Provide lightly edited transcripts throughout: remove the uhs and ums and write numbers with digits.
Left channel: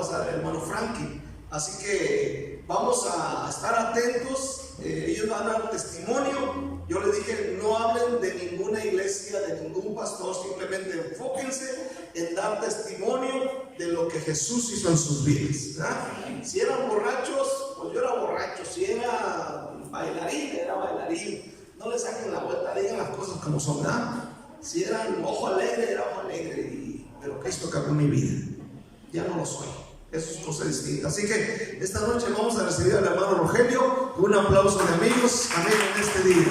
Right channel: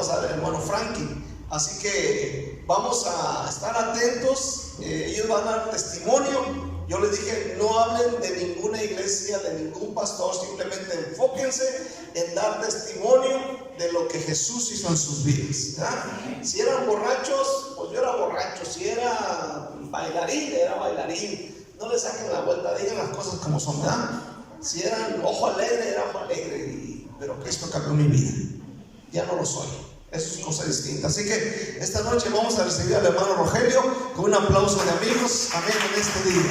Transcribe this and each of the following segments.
pasar el hermano Frankie. Así que vamos a estar atentos, ellos van a dar testimonio. Yo les dije, no hablen de ninguna iglesia, de ningún pastor, simplemente enfóquense en dar testimonio de lo que Jesús hizo en sus vidas, ¿verdad? Si eran borrachos, pues yo era borracho. Si era bailarín, era bailarín. No le saquen la vuelta, digan las cosas como son, ¿verdad? Si eran ojo alegre, era ojo alegre. Pero Cristo cambió mi vida. Ya no lo soy. Eso es cosa distinta. Así que esta noche vamos a recibir al hermano Rogelio con un aplauso de amigos. Amén en este día.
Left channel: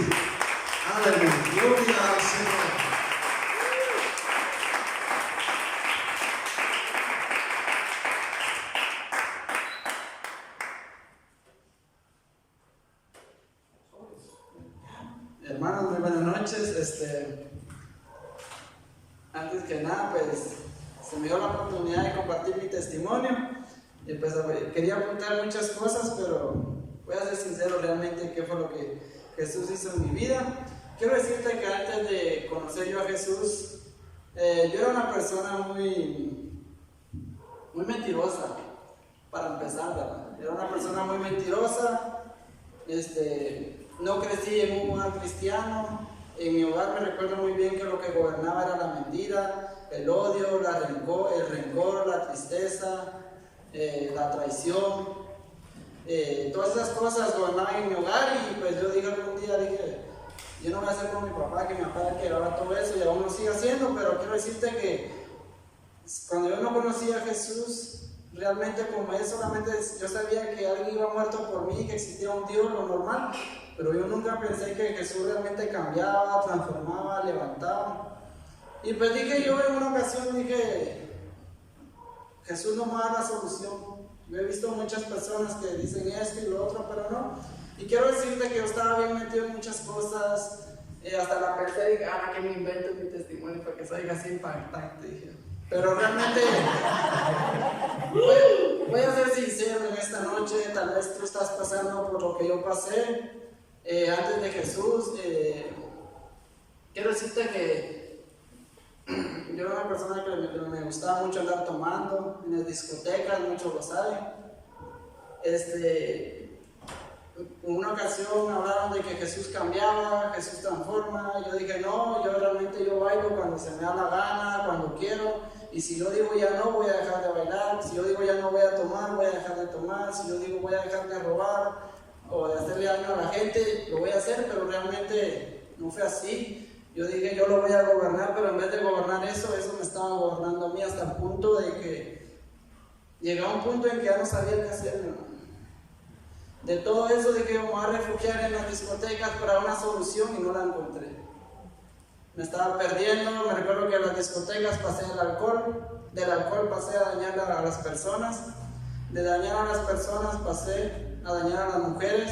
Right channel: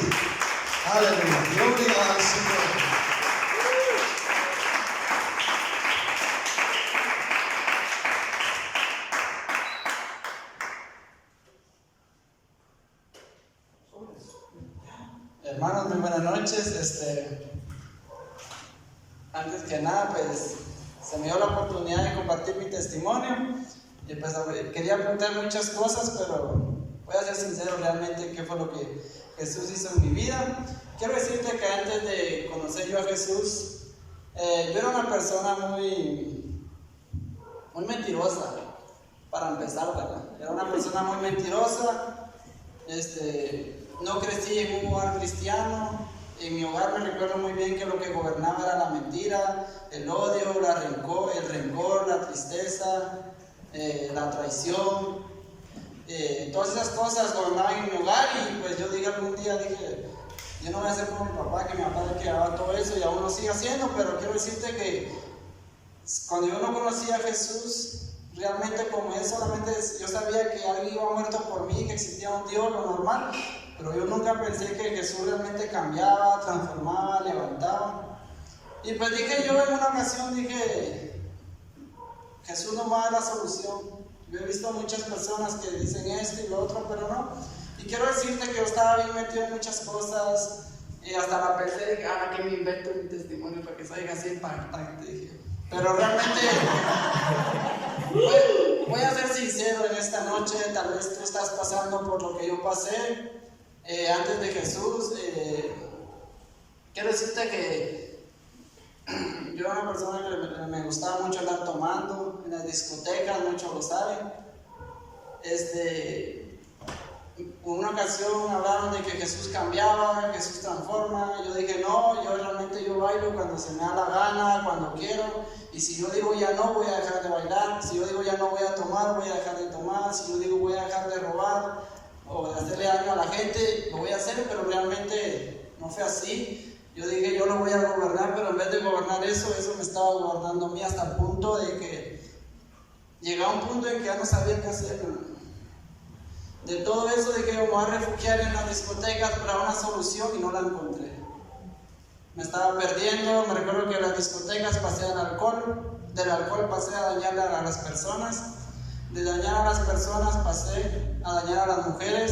Aleluya. Gloria al Señor. Hermanos, muy buenas noches. Antes que nada, pues se me dio la oportunidad de compartir mi testimonio y pues quería apuntar muchas cosas, pero voy a ser sincero realmente qué fue lo que Jesús hizo en mi vida. Quiero decirte que antes de conocer yo a Jesús, yo era una persona muy mentirosa, para empezar, ¿verdad? Era una persona muy mentirosa. No crecí en un hogar cristiano. En mi hogar me recuerdo muy bien que lo que gobernaba era la mentira, el odio, el rencor, la tristeza, la traición. Todas esas cosas gobernaban en mi hogar y pues yo algún día dije, yo no voy a hacer como mi papá, que mi papá le quedaba todo eso y aún lo sigue haciendo, pero quiero decirte que cuando yo no conocía a Jesús, realmente como él solamente yo sabía que alguien iba muerto por mí, que existía un Dios, lo normal. Pero yo nunca pensé que Jesús realmente cambiaba, transformaba, levantaba. Y pues yo en una ocasión Jesús no me va a dar la solución. Yo he visto muchas personas que dicen esto y lo otro, pero no. Y quiero decirte que yo estaba bien metido en muchas cosas. Hasta la pensé, dije, que me invento mi testimonio para que salga así impactante, dije. Pero realmente, voy a ser sincero en esta noche. Tal vez tú estás pasando por lo que yo pasé. Antes de Jesús, quiero decirte que yo era una persona que me gustaba mucho andar tomando en las discotecas, muchos lo saben. En una ocasión hablaron de que Jesús cambiaba, Jesús transforma. Yo dije, no, yo bailo cuando se me da la gana, cuando quiero. Y si yo digo ya no, voy a dejar de bailar. Si yo digo ya no voy a tomar, voy a dejar de tomar. Si yo digo voy a dejar de robar o de hacerle daño a la gente, lo voy a hacer, pero realmente no fue así. Yo dije, yo lo voy a gobernar, pero en vez de gobernar eso me estaba gobernando a mí, hasta el punto de que llegaba un punto en que ya no sabía qué hacer. De todo eso dije, yo me voy a refugiar en las discotecas para una solución y no la encontré. Me estaba perdiendo. Me recuerdo que en las discotecas pasé al alcohol, del alcohol pasé a dañar a las personas, de dañar a las personas pasé a dañar a las mujeres,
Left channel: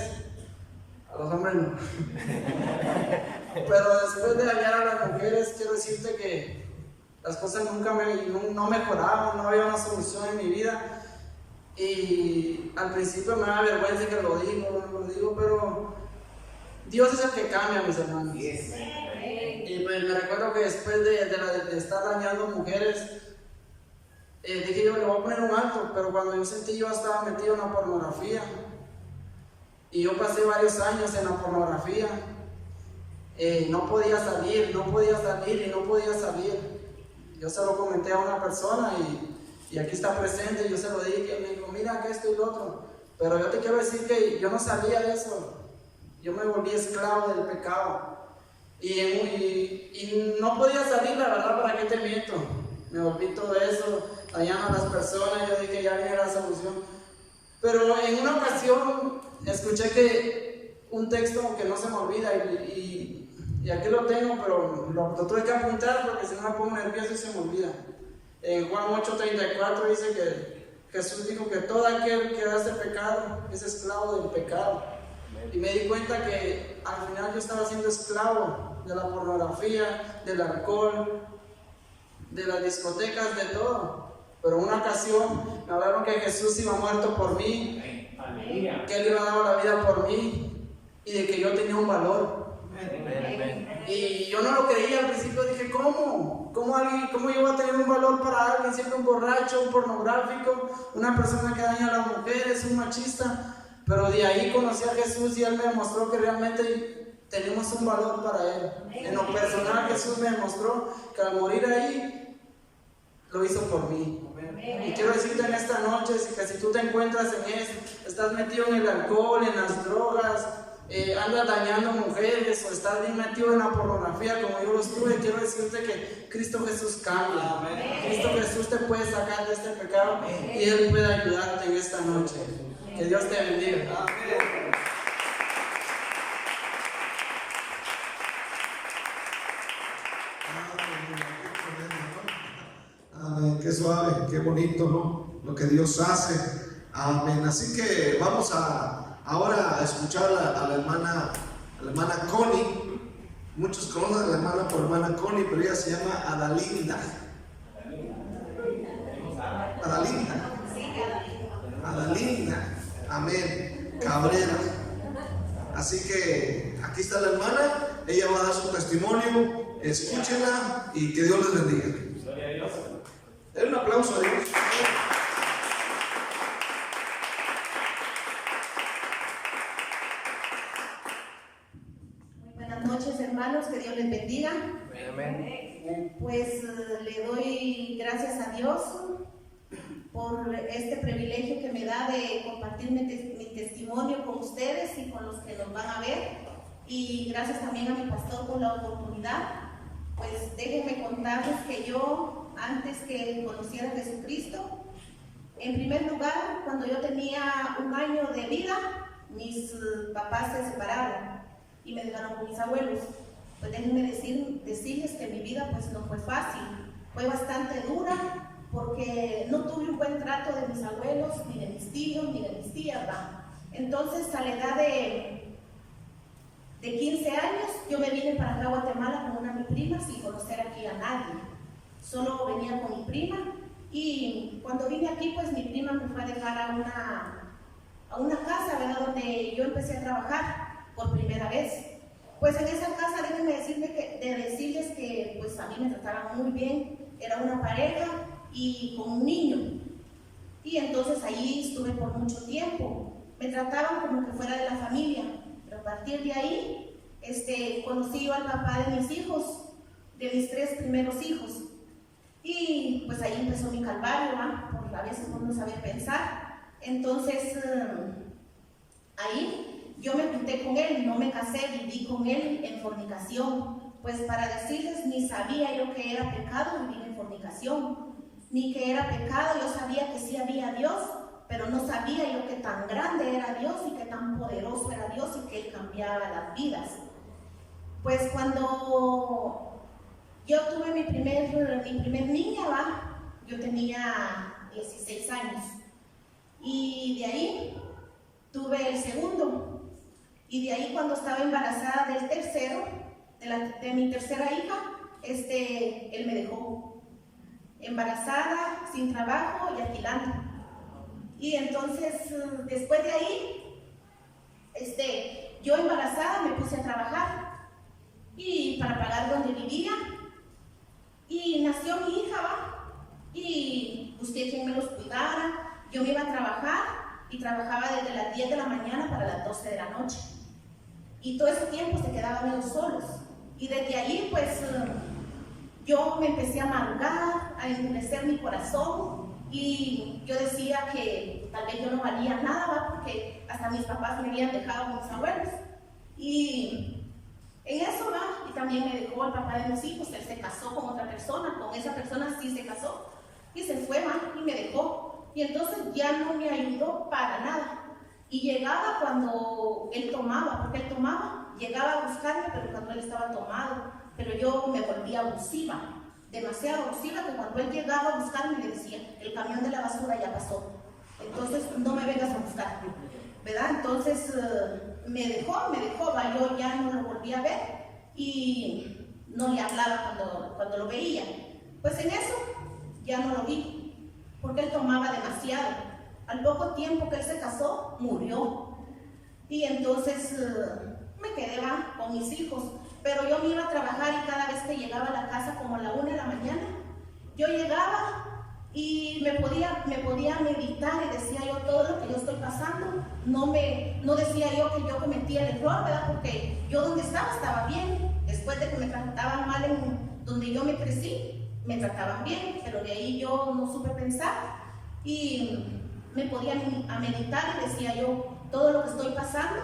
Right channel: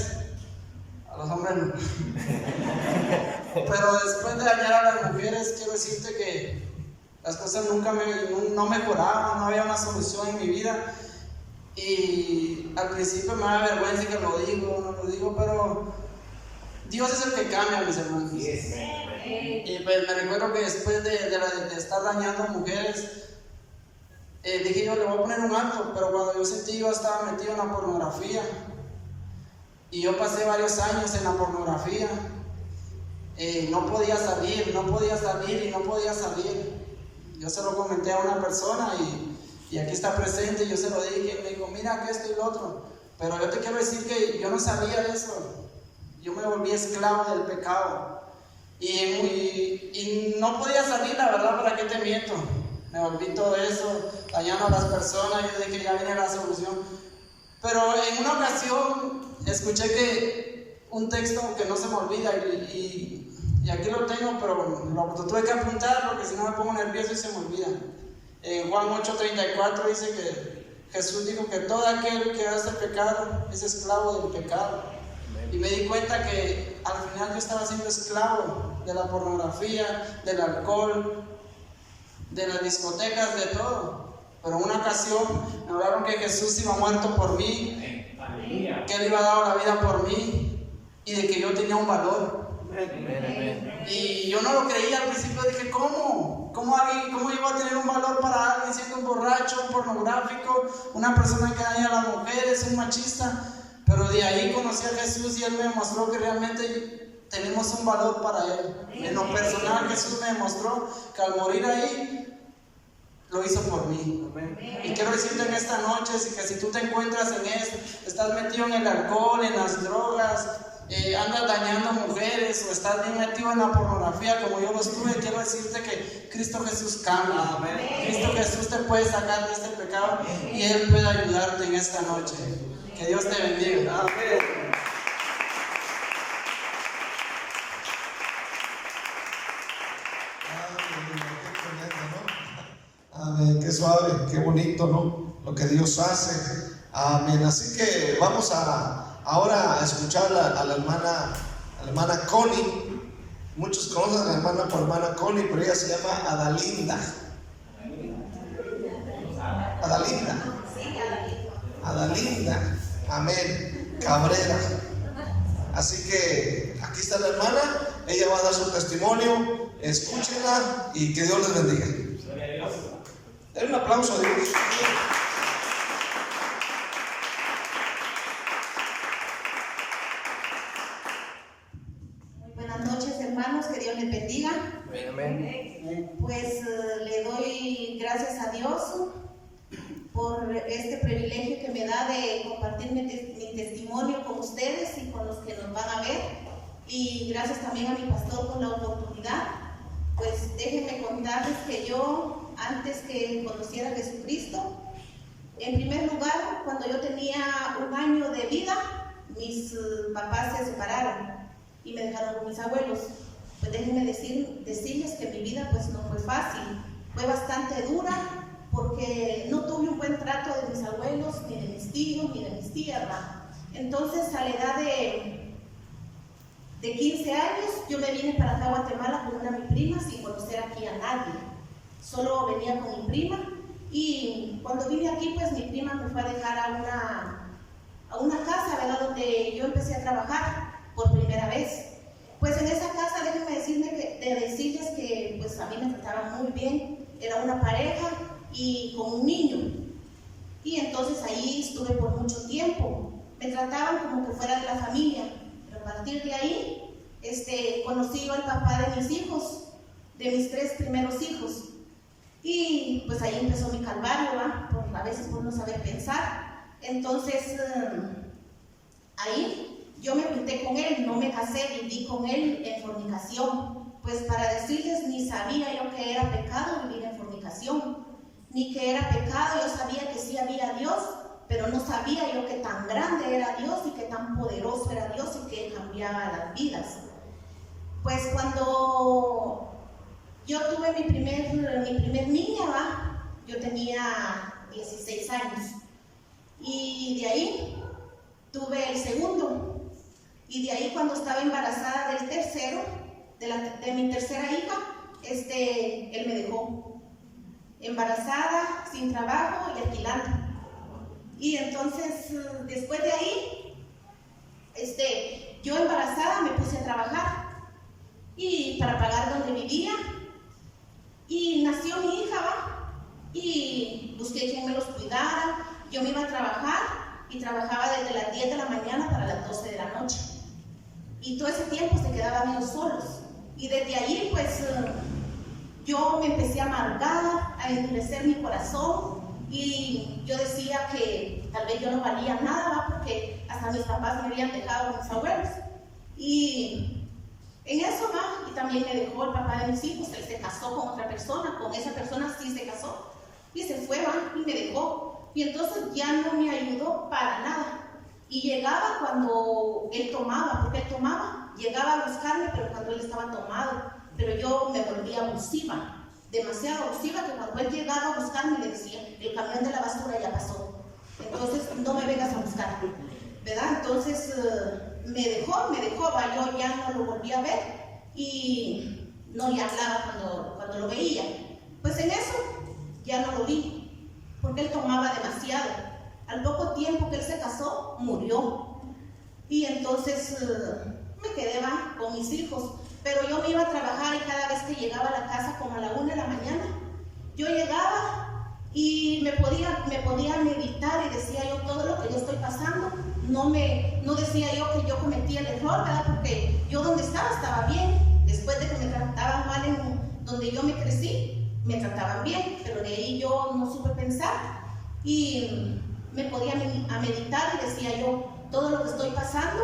a los hombres no. Pero después de dañar a las mujeres, quiero decirte que las cosas no mejoraban, no había una solución en mi vida. Y al principio me da vergüenza que no lo digo, pero Dios es el que cambia, mis hermanos. Yes. Y pues me recuerdo que después de estar dañando mujeres, dije yo, le voy a poner un alto, pero cuando yo sentí, yo estaba metido en la pornografía. Y yo pasé varios años en la pornografía. No podía salir. Yo se lo comenté a una persona y aquí está presente. Yo se lo dije y me dijo, mira que esto y lo otro. Pero yo te quiero decir que yo no sabía de eso. Yo me volví esclavo del pecado. Y no podía salir, la verdad, ¿para qué te miento? Me volví todo eso, dañando a las personas. Yo dije, ya viene la solución. Pero en una ocasión escuché que un texto que no se me olvida y aquí lo tengo, pero lo tuve que apuntar porque si no me pongo nervioso y se me olvida. En Juan 8:34 dice que Jesús dijo que todo aquel que hace pecado es esclavo del pecado. Y me di cuenta que al final yo estaba siendo esclavo de la pornografía, del alcohol, de las discotecas, de todo. Pero en una ocasión me hablaron que Jesús iba muerto por mí, que Él iba a dar la vida por mí y de que yo tenía un valor. Y yo no lo creía al principio, dije, ¿cómo yo voy a tener un valor para alguien siendo un borracho, un pornográfico, una persona que daña a las mujeres, un machista? Pero de ahí conocí a Jesús y Él me mostró que realmente tenemos un valor para Él. En lo personal, Jesús me demostró que al morir ahí, lo hizo por mí. Y quiero decirte en esta noche que si tú te encuentras en esto, estás metido en el alcohol, en las drogas, andas dañando mujeres o estás bien metido en la pornografía como yo lo estuve, quiero decirte que Cristo Jesús cambia. Cristo Jesús te puede sacar de este pecado y Él puede ayudarte en esta noche. Que Dios te bendiga. Amén, qué suave, qué bonito, ¿no? Lo que Dios hace. Amén. Así que vamos ahora a escuchar a la hermana Connie. Muchos conocen a la hermana por hermana Connie, pero ella se llama Adalinda. Adalinda. Amén. Cabrera. Así que aquí está la hermana. Ella va a dar su testimonio. Escúchenla y que Dios les bendiga. Denle un aplauso a Dios. Muy buenas noches, hermanos, que Dios les bendiga. Amén. Pues le doy gracias a Dios por este privilegio que me da de compartir mi testimonio con ustedes y con los que nos van a ver. Y gracias también a mi pastor por la oportunidad. Pues déjenme contarles que yo, antes que conociera a Jesucristo, en primer lugar, cuando yo tenía 1 año de vida, mis papás se separaron y me dejaron con mis abuelos. Pues déjenme decirles que mi vida pues no fue fácil, fue bastante dura, porque no tuve un buen trato de mis abuelos, ni de mis tíos, ni de mis tías, ¿verdad? Entonces, a la edad de 15 años, yo me vine para acá a Guatemala con una de mis primas sin conocer aquí a nadie. Solo venía con mi prima, y cuando vine aquí, pues mi prima me fue a dejar a una casa, ¿verdad?, donde yo empecé a trabajar por primera vez. Pues en esa casa, déjenme decirles que pues a mí me trataban muy bien. Era una pareja y con un niño. Y entonces ahí estuve por mucho tiempo. Me trataban como que fuera de la familia. Pero a partir de ahí, conocí yo al papá de mis hijos, de mis 3 primeros hijos. Y pues ahí empezó mi calvario, ¿va? A veces por no saber pensar. Entonces, ahí yo me junté con él, no me casé, viví con él en fornicación. Pues para decirles, ni sabía yo que era pecado vivir en fornicación, ni que era pecado. Yo sabía que sí había Dios, pero no sabía yo que tan grande era Dios y que tan poderoso era Dios y que Él cambiaba las vidas. Pues cuando yo tuve mi primer niña, ¿va? Yo tenía 16 años. Y de ahí tuve el segundo. Y de ahí, cuando estaba embarazada del tercero, de mi tercera hija, él me dejó. Embarazada, sin trabajo y alquilando. Y entonces, después de ahí, yo embarazada me puse a trabajar. Y para pagar donde vivía. Y nació mi hija, ¿va? Y busqué quien me los cuidara. Yo me iba a trabajar y trabajaba desde las 10 de la mañana hasta las 12 de la noche. Y todo ese tiempo se quedaban ellos solos. Y desde ahí, pues, yo me empecé a amargar, a endurecer mi corazón. Y yo decía que tal vez yo no valía nada, ¿va? Porque hasta mis papás me habían dejado con mis abuelos. Y en eso, ¿va? Y también me dejó el papá de mis hijos. Él se casó con otra persona, con esa persona sí se casó. Y se fue, ¿va? Y me dejó. Y entonces ya no me ayudó para nada. Y llegaba cuando él tomaba, porque él tomaba, llegaba a buscarme, pero cuando él estaba tomado. Pero yo me volvía abusiva, demasiado abusiva, que cuando él llegaba a buscarme le decía, el camión de la basura ya pasó, entonces no me vengas a buscar, ¿verdad? Entonces me dejó, ¿va? Yo ya no lo volví a ver y no le hablaba cuando lo veía. Pues en eso ya no lo vi, porque él tomaba demasiado. Al poco tiempo que él se casó, murió. Y entonces me quedé con mis hijos, pero yo me iba a trabajar y cada vez que llegaba a la casa como a la 1 de la mañana, yo llegaba y me podía meditar y decía yo todo lo que yo estoy pasando. No decía yo que yo cometía el error, ¿verdad? Porque yo donde estaba bien. Después de que me trataban mal en donde yo me crecí, me trataban bien, pero de ahí yo no supe pensar y me podía a meditar y decía yo, todo lo que estoy pasando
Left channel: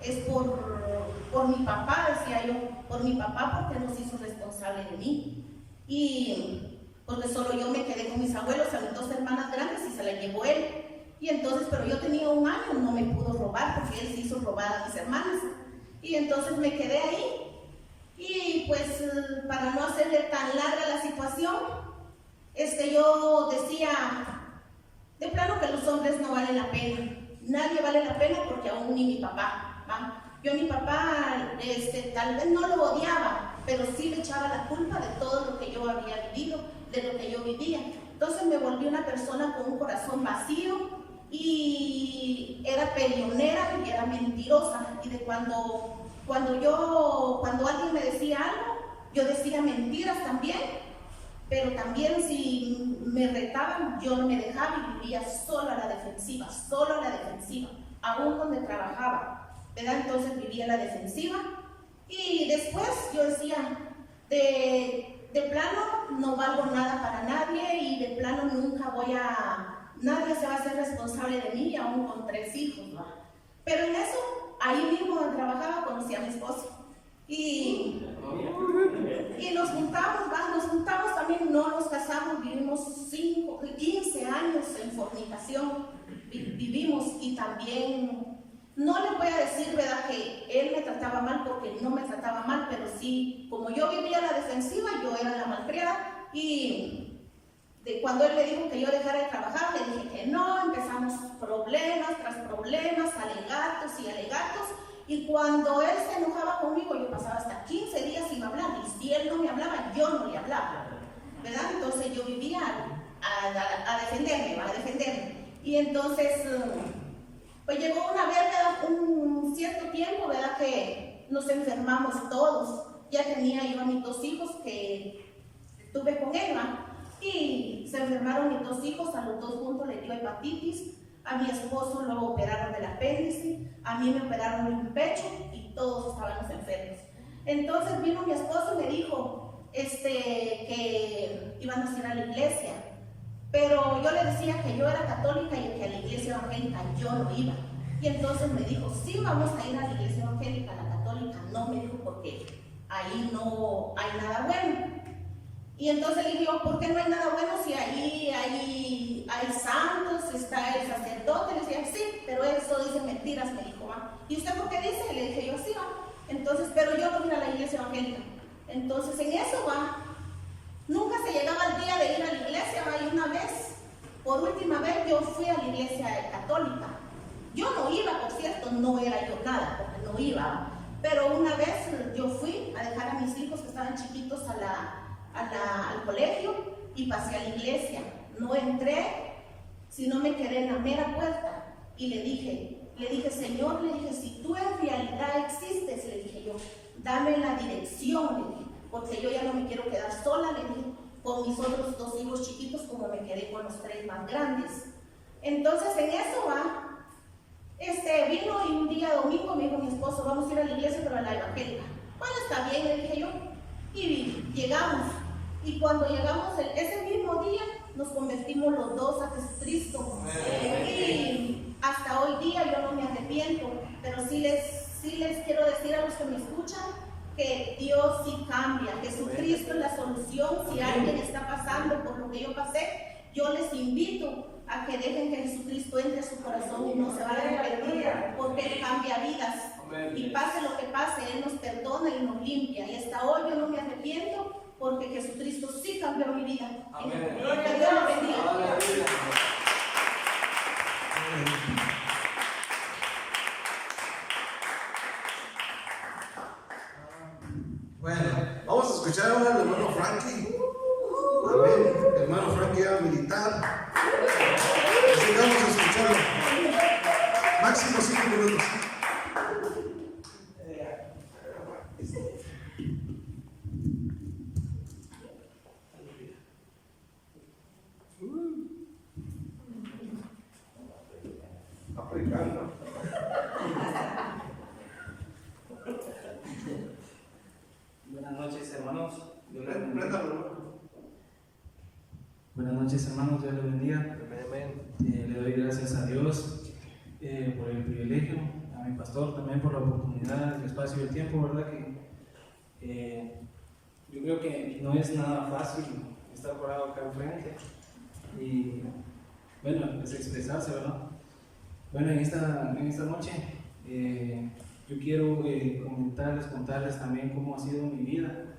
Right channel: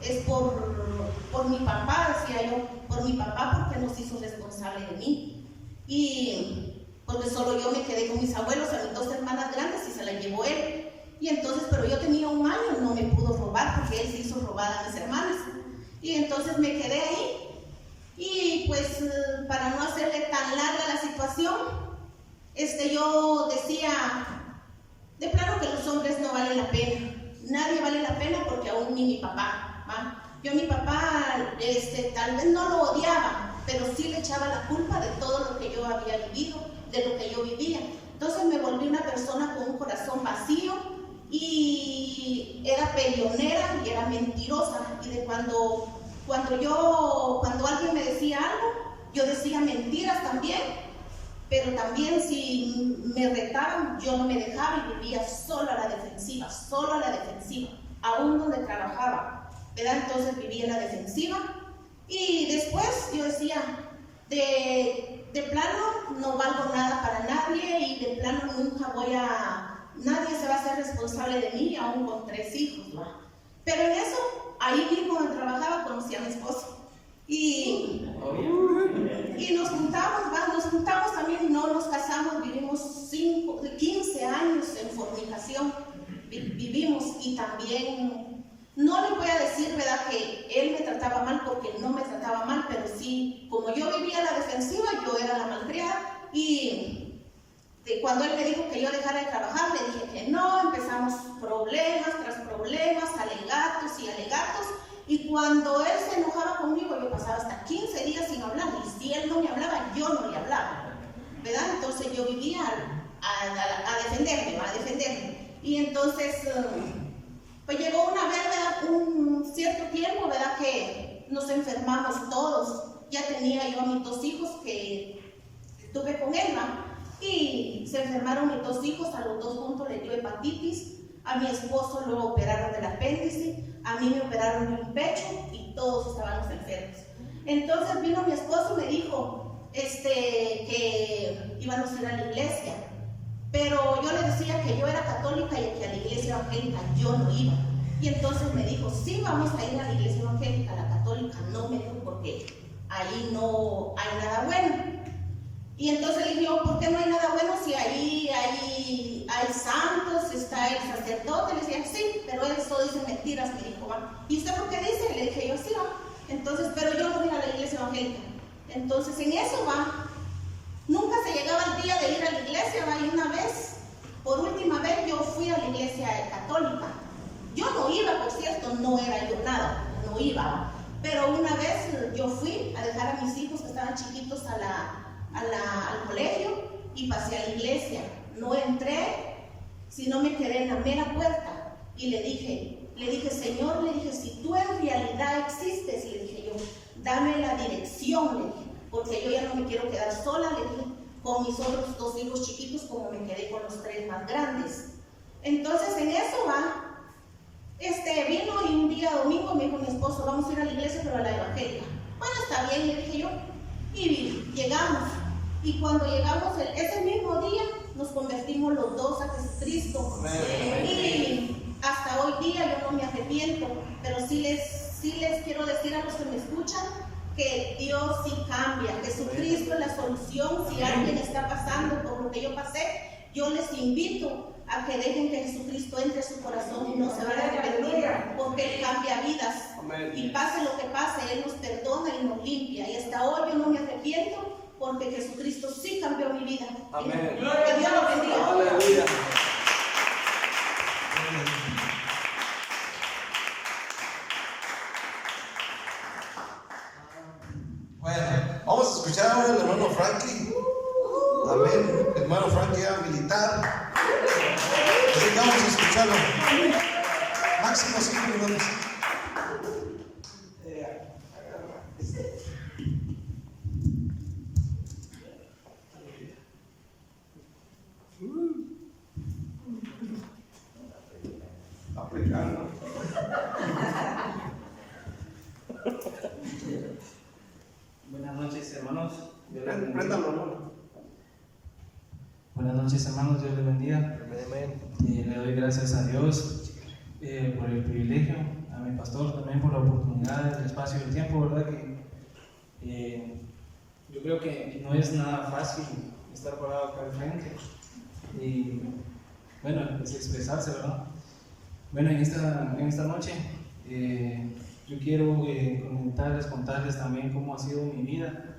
es por mi papá, decía yo, por mi papá, porque nos hizo responsable de mí. Y porque solo yo me quedé con mis abuelos, a mis 2 hermanas grandes y se las llevó él. Y entonces, pero yo tenía 1 año, no me pudo robar porque él se hizo robar a mis hermanas. Y entonces me quedé ahí. Y pues para no hacerle tan larga la situación, yo decía, de plano que los hombres no valen la pena. Nadie vale la pena porque aún ni mi papá, ¿va? Yo a mi papá tal vez no lo odiaba, pero sí le echaba la culpa de todo lo que yo había vivido, de lo que yo vivía. Entonces me volví una persona con un corazón vacío y era peleonera y era mentirosa. Y de cuando alguien me decía algo, yo decía mentiras también, pero también si me retaban, yo no me dejaba y vivía solo a la defensiva, aún donde trabajaba, ¿verdad? Entonces vivía a la defensiva y después yo decía, de plano no valgo nada para nadie y de plano nadie se va a hacer responsable de mí, aún con 3 hijos, ¿no? Pero en eso, ahí mismo donde trabajaba, conocí a mi esposo. Y nos juntamos también, no nos casamos, vivimos 15 años en fornicación, vivimos y también, no le voy a decir, ¿verdad?, que él me trataba mal porque no me trataba mal, pero sí, como yo vivía a la defensiva, yo era la malcriada y cuando él me dijo que yo dejara de trabajar, le dije que no, empezamos problemas tras problemas, alegatos, y cuando él se enojaba conmigo, yo pasaba hasta 15 días sin hablar, y si él no me hablaba, yo no le hablaba, ¿verdad? Entonces yo vivía a defenderme, y entonces, pues llegó una vez, ¿verdad?, un cierto tiempo, ¿verdad?, que nos enfermamos todos. Ya tenía yo a mis 2 hijos que tuve con él, ¿verdad? Y se enfermaron mis 2 hijos, a los 2 juntos le dio hepatitis, a mi esposo lo operaron del apéndice, a mí me operaron de un pecho y todos estábamos enfermos. Entonces vino mi esposo y me dijo que íbamos a ir a la iglesia, pero yo le decía que yo era católica y que a la iglesia evangélica yo no iba. Y entonces me dijo, sí, vamos a ir a la iglesia evangélica, a la católica no, me dijo, porque ahí no hay nada bueno. Y entonces le dije, ¿por qué no hay nada bueno si ahí hay santos, está el sacerdote? Le decía, sí, pero eso dice mentiras, me dijo, ¿va? ¿Y usted por qué dice? Le dije yo, sí, va. Entonces, pero yo no vine a la iglesia evangélica. Entonces, en eso, va, nunca se llegaba el día de ir a la iglesia, va, y una vez, por última vez, yo fui a la iglesia católica. Yo no iba, por cierto, no era yo nada, porque no iba, ¿va? Pero una vez yo fui a dejar a mis hijos que estaban chiquitos al colegio y pasé a la iglesia. No entré, sino me quedé en la mera puerta y le dije, Señor, le dije, si tú en realidad existes, le dije yo, dame la dirección, le dije, porque yo ya no me quiero quedar sola, le dije, con mis otros 2 hijos chiquitos como me quedé con los 3 más grandes. Entonces en eso va, vino y un día domingo me dijo mi esposo, vamos a ir a la iglesia pero a la evangélica. Bueno, está bien, le dije yo, y llegamos. Y cuando llegamos ese mismo día, nos convertimos los 2 a Jesucristo. Y hasta hoy día yo no me arrepiento, pero sí les quiero decir a los que me escuchan que Dios sí cambia. Jesucristo es la solución. Si alguien está pasando por lo que yo pasé, yo les invito a que dejen que Jesucristo entre a su corazón y no se van a arrepentir, porque Él cambia vidas. Y pase lo que pase, Él nos perdona y nos limpia. Y hasta hoy yo no me arrepiento, porque Jesucristo sí cambió mi vida. Amén. Que Dios lo bendiga. Aleluya. Bueno, vamos a escuchar ahora al hermano Frankie. Amén. El hermano Frankie era militar. Así que vamos a escucharlo. Máximo 5 minutos. Buenas noches, hermanos. Préndalo, hermano. Buenas noches, hermanos. Dios les bendiga. Amén. Le doy gracias a Dios por el privilegio, a mi pastor también por la oportunidad, el espacio y el tiempo, ¿verdad? Que yo creo que no es nada fácil estar parado acá enfrente y, bueno, es expresarse, ¿verdad? Bueno, en esta noche yo quiero contarles también cómo ha sido mi vida.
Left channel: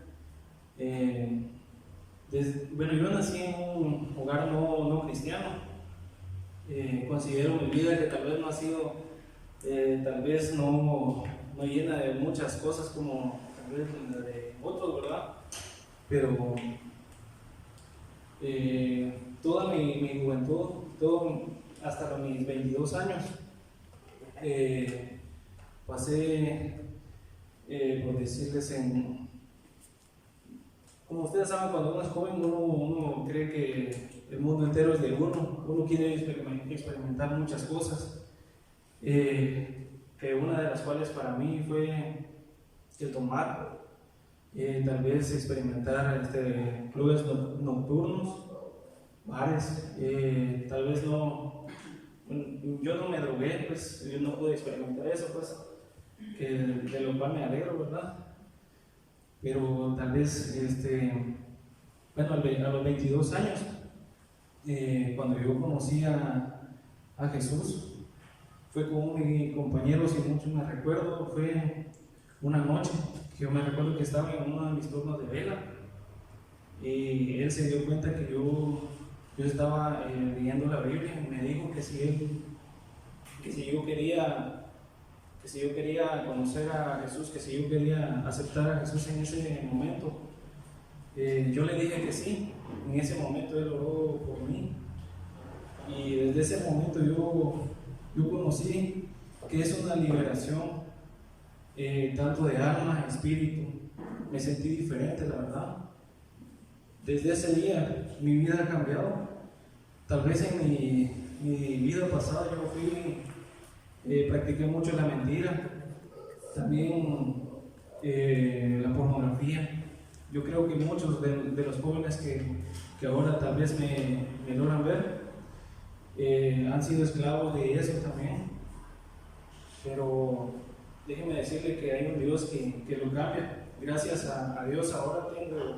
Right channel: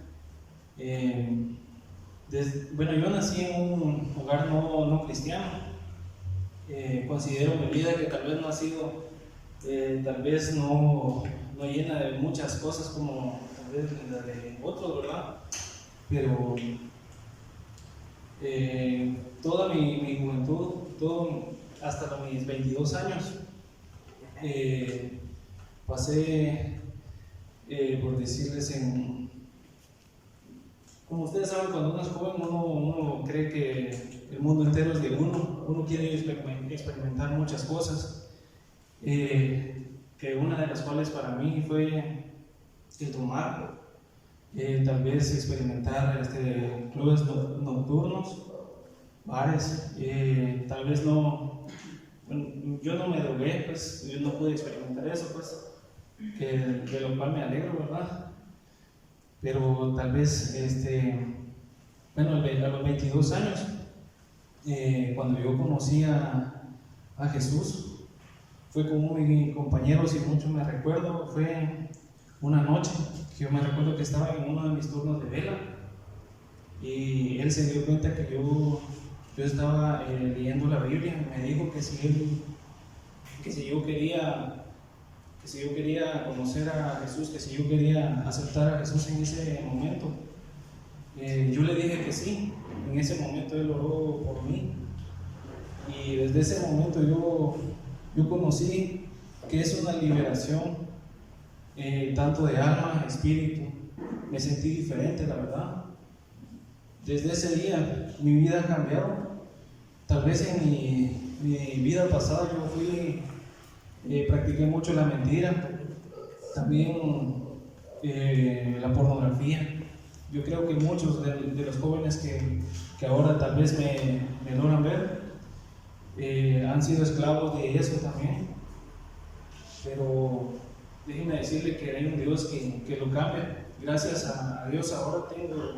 Bueno, yo nací en un hogar no cristiano. Considero mi vida que tal vez no ha sido, tal vez no llena de muchas cosas como tal vez la de otros, ¿verdad? Pero toda mi juventud, hasta mis 22 años, pasé, por decirles, como ustedes saben, cuando uno es joven, uno cree que el mundo entero es de uno quiere experimentar muchas cosas, que una de las cuales para mí fue el tomar, tal vez experimentar clubes nocturnos, bares, tal vez no, bueno, yo no me drogué, pues yo no pude experimentar eso, pues, de lo cual me alegro, ¿verdad? Pero tal vez, bueno, a los 22 años, cuando yo conocí a Jesús, fue con mis compañeros y mucho me recuerdo, fue una noche que yo me recuerdo que estaba en uno de mis turnos de vela y él se dio cuenta que yo estaba leyendo la Biblia y me dijo que si yo quería conocer a Jesús, que si yo quería aceptar a Jesús en ese momento, yo le dije que sí. En ese momento él oró por mí y desde ese momento yo conocí que es una liberación, tanto de alma, espíritu. Me sentí diferente, la verdad. Desde ese día mi vida ha cambiado. Tal vez en mi vida pasada yo practiqué mucho la mentira, también la pornografía. Yo creo que muchos de los jóvenes que ahora tal vez me logran ver han sido esclavos de eso también. Pero déjenme decirle que hay un Dios que lo cambia. Gracias a Dios ahora tengo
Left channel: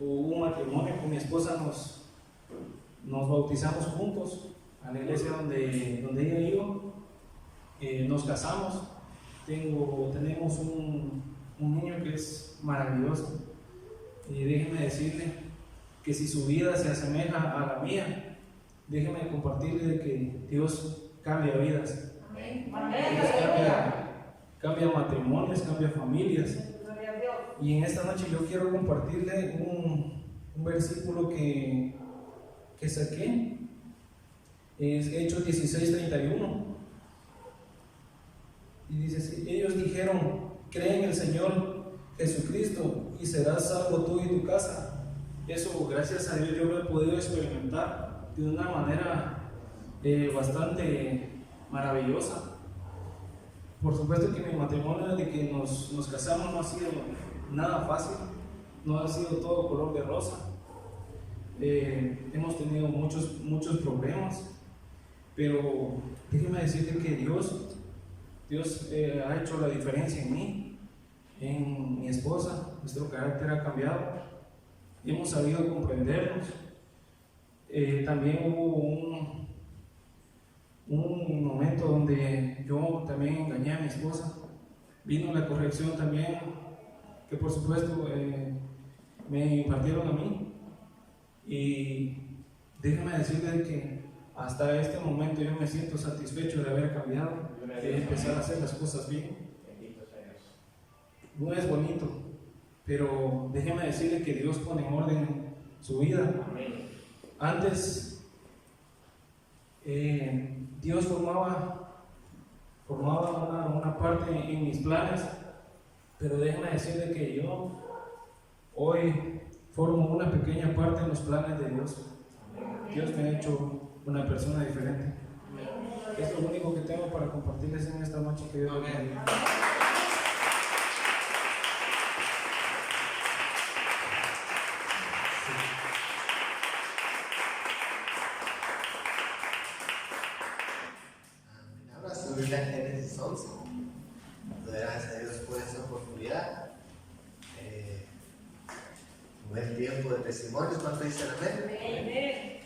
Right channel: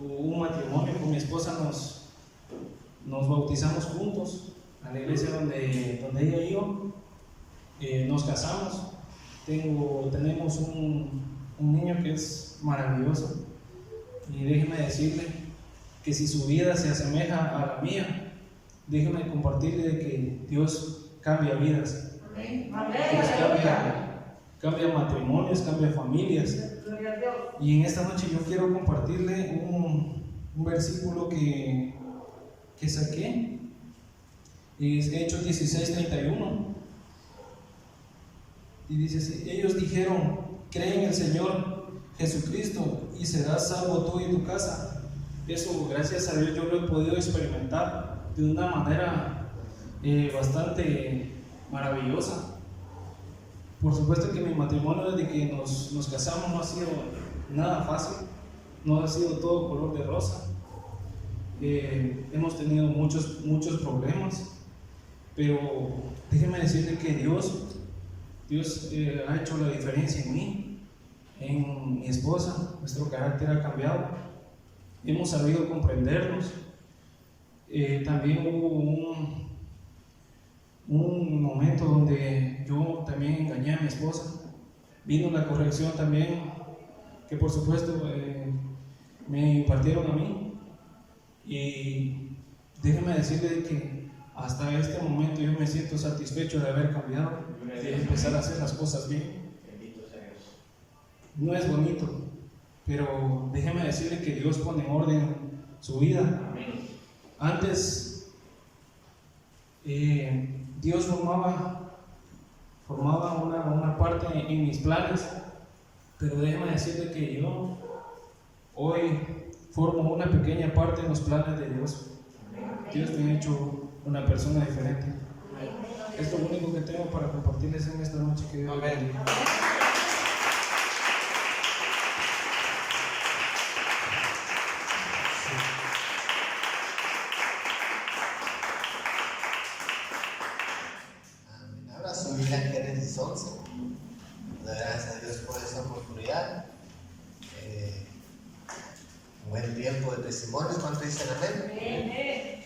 un matrimonio con mi esposa, nos bautizamos juntos a la iglesia donde ella iba. Nos casamos, tenemos un niño que es maravilloso y déjeme decirle que si su vida se asemeja a la mía, déjeme compartirle de que Dios cambia vidas. Dios cambia matrimonios, cambia familias. Y en esta noche yo quiero compartirle un versículo que saqué, es Hechos 16:31. Y dice, ellos dijeron, cree en el Señor Jesucristo y serás salvo tú y tu casa. Eso, gracias a Dios, yo lo he podido experimentar de una manera bastante maravillosa. Por supuesto que mi matrimonio desde que nos casamos no ha sido nada fácil, no ha sido todo color de rosa. Hemos tenido muchos problemas, pero déjenme decirle que Dios ha hecho la diferencia en mí, en mi esposa. Nuestro carácter ha cambiado, hemos sabido comprendernos. También hubo un momento donde yo también engañé a mi esposa. Vino la corrección también, que por supuesto me impartieron a mí. Y déjenme decirles que hasta este momento yo me siento satisfecho de haber cambiado, de empezar a hacer las cosas bien. No es bonito, pero déjenme decirle que Dios pone en orden su vida. Antes Dios formaba una parte en mis planes, pero déjenme decirle que yo hoy formo una pequeña parte en los planes de Dios. Dios me ha hecho una persona diferente. Es lo único que tengo para compartirles en esta noche. Que Dios les bendiga. testimonios. ¿Cuántos dicen amén?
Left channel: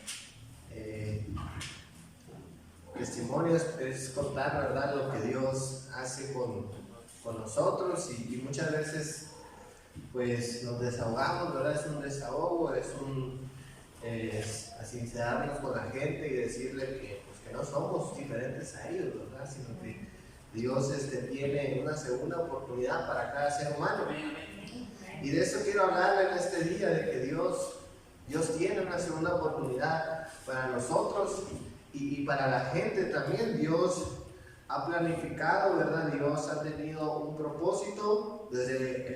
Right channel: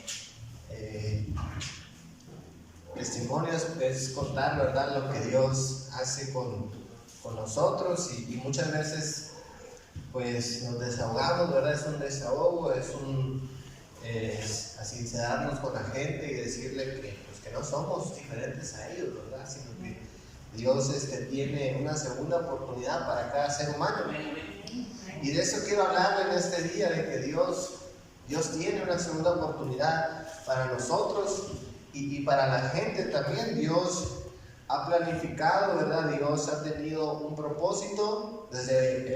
Testimonios es contar, ¿verdad?, lo que Dios hace con nosotros, y muchas veces pues nos desahogamos, ¿verdad? Es un desahogo, es a sincerarnos con la gente y decirle que no somos diferentes a ellos, ¿verdad? Sino que Dios tiene una segunda oportunidad para cada ser humano. Y de eso quiero hablarle en este día, de que Dios tiene una segunda oportunidad para nosotros y para la gente también. Dios ha planificado, ¿verdad? Dios ha tenido un propósito desde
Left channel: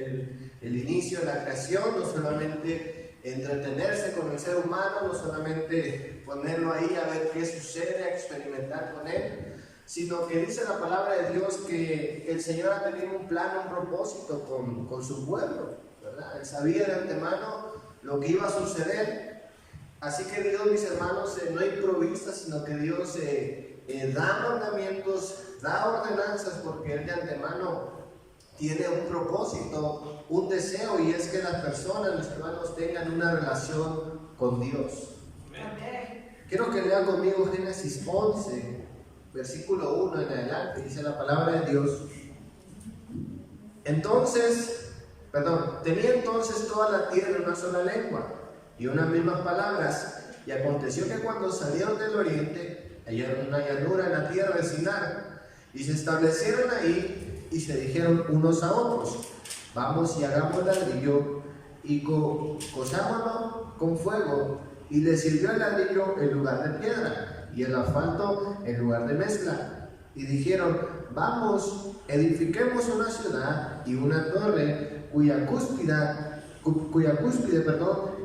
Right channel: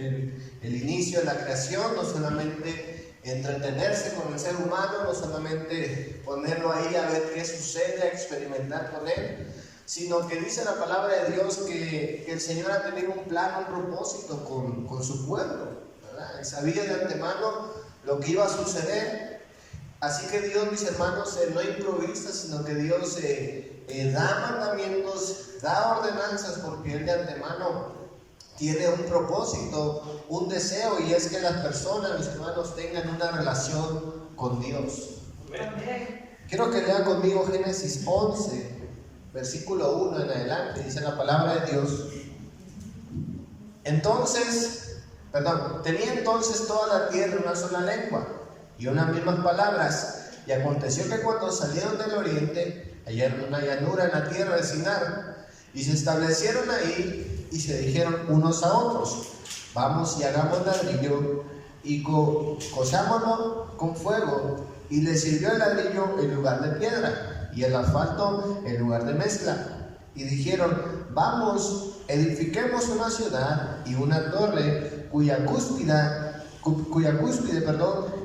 el inicio de la creación, no solamente entretenerse con el ser humano, no solamente ponerlo ahí a ver qué sucede, a experimentar con él, sino que dice la palabra de Dios que el Señor ha tenido un plan, un propósito con su pueblo, ¿verdad? Él sabía de antemano lo que iba a suceder. Así que Dios, mis hermanos, no improvisa, sino que Dios da mandamientos, da ordenanzas, porque Él de antemano tiene un propósito, un deseo, y es que las personas, mis hermanos, tengan una relación con Dios. Amén. Quiero que lean conmigo Génesis 11, versículo 1 en adelante. Dice la palabra de Dios: tenía entonces toda la tierra una sola lengua y unas mismas palabras, y aconteció que cuando salieron del oriente hallaron una llanura en la tierra de Sinar, y se establecieron ahí, y se dijeron unos a otros: vamos y hagamos ladrillo y cosámonos con fuego. Y les sirvió el ladrillo en lugar de piedra y el asfalto en lugar de mezcla. Y dijeron: vamos, edifiquemos una ciudad y una torre cuya cúspide